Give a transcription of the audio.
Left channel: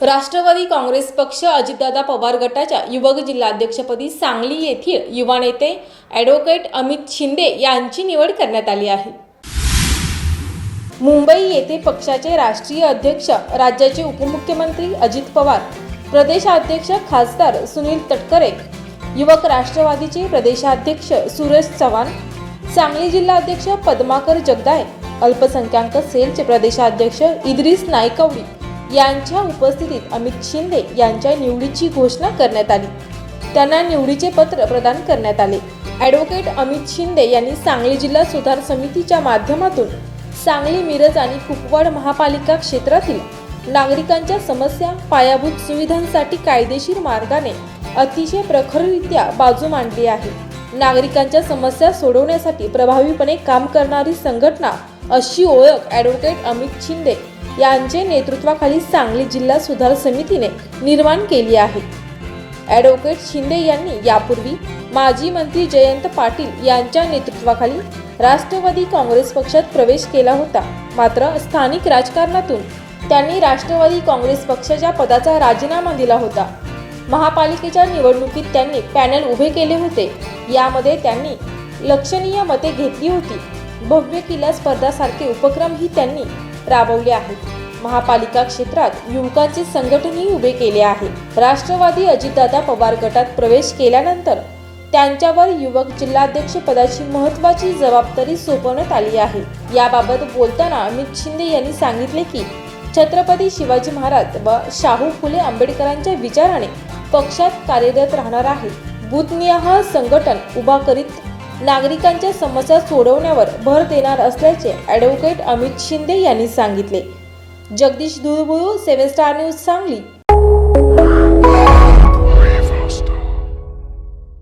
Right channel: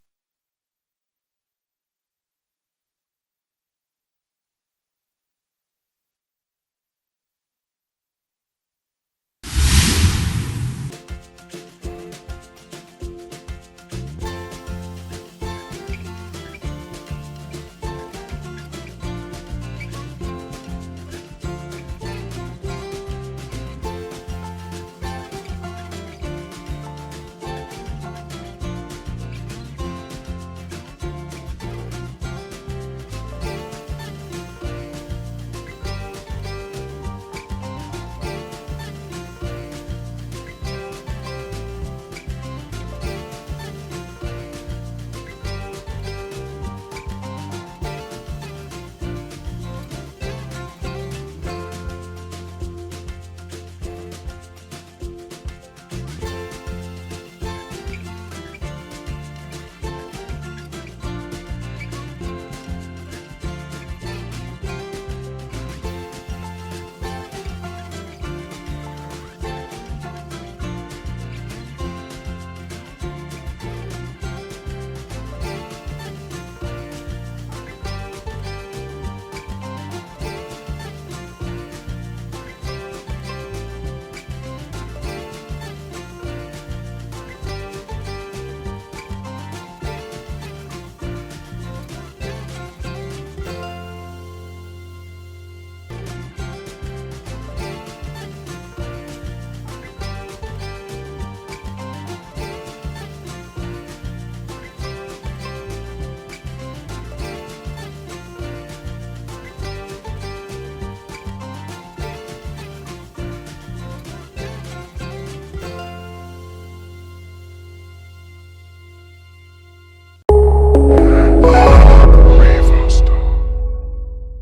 राष्ट्रवादी काँग्रेस पक्ष अजितदादा पवार गटाच्या युवक जिल्हाध्यक्षपदी सांगली येथील युवा नेते ॲडव्होकेट अमित शिंदे यांची निवड करण्यात आली आहे. मुंबई येथे पक्षाचे राष्ट्रीय अध्यक्ष राज्याचे उपमुख्यमंत्री अजित पवार प्रदेशाध्यक्ष खासदार सुनील तटकरे युवक राष्ट्रवादीचे प्रदेशाध्यक्ष सुरेश चव्हाण सांगली जिल्हाध्यक्ष पद्माकर जगदाय अल्पसंख्याक सेलचे प्रदेशाध्यक्ष इद्रिस नायकवडी यांच्या उपस्थितीत अमित शिंदे यांच्या निवडीची घोषणा करण्यात आली. त्यांना निवडीचे पत्र प्रदान करण्यात आले. ॲडव्होकेट अमित शिंदे यांनी सांगली जिल्हा सुधार समितीच्या माध्यमातून सांगली मिरज आणि कुपवाड महापालिका क्षेत्रातील नागरिकांच्या समस्या पायाभूत सुविधांसाठी कायदेशीर मार्गाने अतिशय प्रखररित्या बाजू मांडली आहे. नागरिकांच्या समस्या सोडवण्यासाठी प्रभावीपणे काम करणारी संघटना अशी ओळख ॲडव्होकेट अमित शिंदे यांचे नेतृत्वाखाली सांगली जिल्हा सुधार समितीने निर्माण केली आहे. ॲडव्होकेट शिंदे यांनी यापूर्वी माजी मंत्री जयंत पाटील यांच्या नेतृत्वाखाली राष्ट्रवादी काँग्रेस पक्षात प्रवेश केला होता. मात्र स्थानिक राजकारणातून त्यांनी राष्ट्रवादी काँग्रेस पक्षाच्या पदाचा राजीनामा दिला होता. महापालिकेच्या निवडणुकीत त्यांनी पॅनल उभे केले होते. यामध्ये त्यांनी लक्षणीय मते घेतली होती. भव्य किल्ला स्पर्धासारखे उपक्रमही त्यांनी राबवले आहेत. महापालिका क्षेत्रात युवकांचे संघटनही उभे केले आहे. राष्ट्रवादी अजितदादा पवार गटात प्रवेश केल्यानंतर त्यांच्यावर युवक जिल्हाध्यक्ष पदाची महत्वाची जबाबदारी सोपवण्यात आली आहे. याबाबत बोलताना अमित शिंदे यांनी सांगितले की छत्रपती शिवाजी महाराज व शाहू फुले आंबेडकरांच्या विचाराने पक्षात कार्यरत राहणार आहे बुथनिहाय संघटन उभा करीत नागरिकांच्या समस्या सोडवण्यावर भर देणार असल्याचे ॲडव्होकेट अमित शिंदे यांनी सांगितले. Jagdish Dhulbulu seven star news Sangli.